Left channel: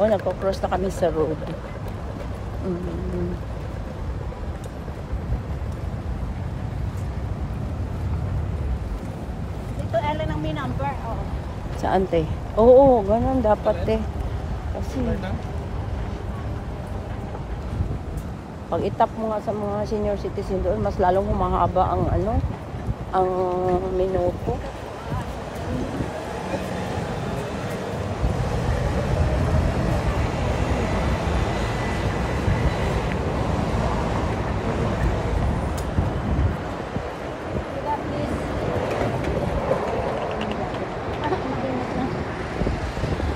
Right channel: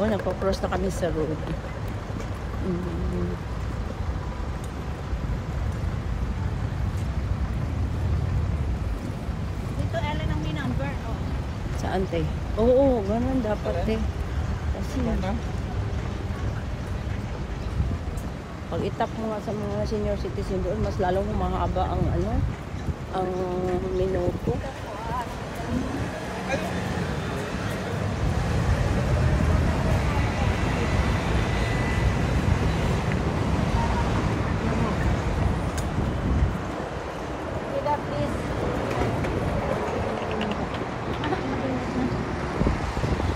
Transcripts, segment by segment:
Oh, nagpo-cross na kami sa road. Dito, Ellen, ang may number. Oo. Saan, te? Oo, ganun dapat, te. Kasi, pag itap mo nga sa mga senior citizen doon, mas lalong humahaba ang ano, ang minuto.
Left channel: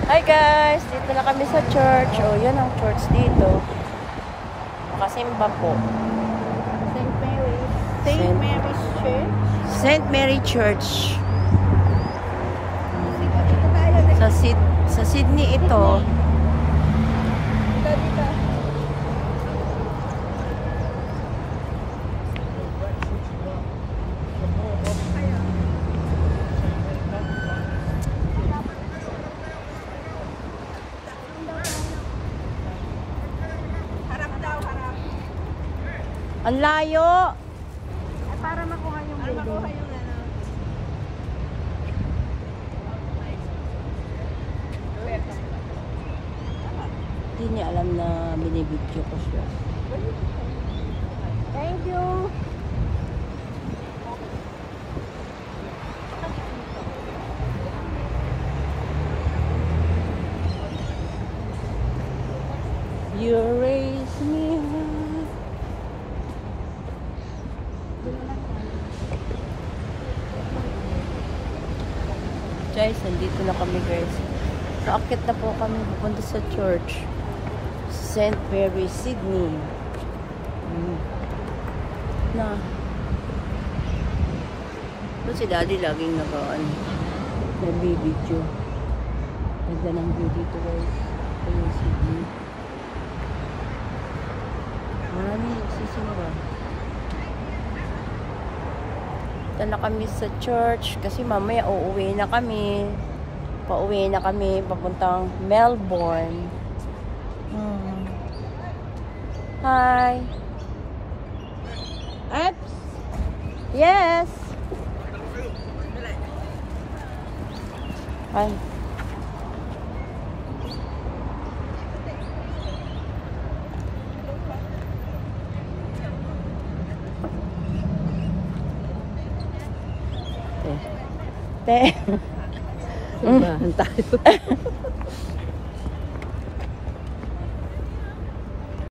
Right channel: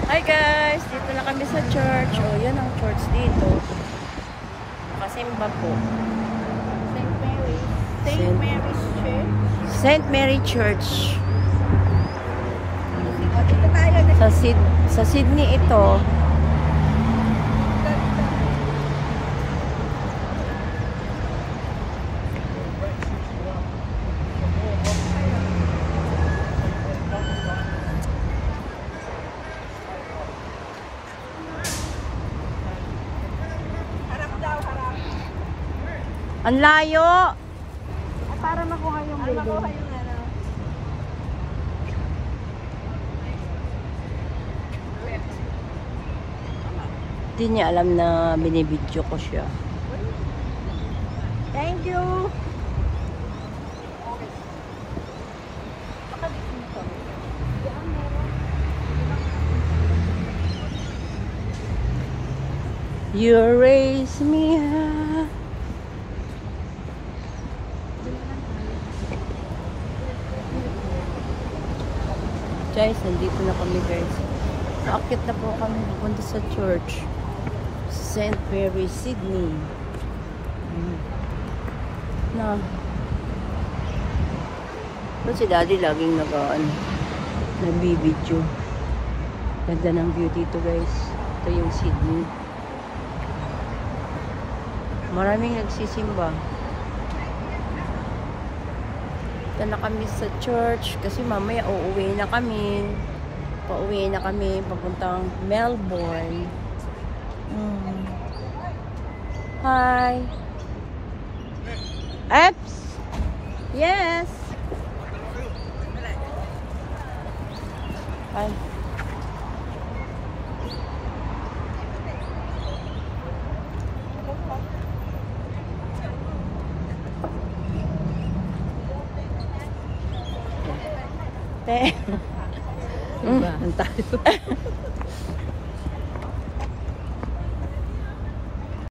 Hi guys! Dito na kami sa church. O, yan ang church dito. Nakasimba po. St. Mary Church. Sa Sydney ito. Ang layo. Ay, para makuha yung building. Hindi niya alam na binibidyo ko siya. Thank you. You raise me up. Guys, nandito na kami guys. Naakit na po kami pupunta sa church. St. Mary Sydney. Na. Ito si Daddy laging nagbibidyo. Ganda ng view dito guys. Ito yung Sydney. Maraming nagsisimba. Ito na kami sa church kasi mamaya uuwi na kami. Pauwi na kami papuntang Melbourne. Hi. Eps. Yes. Hi. Te. Tayo.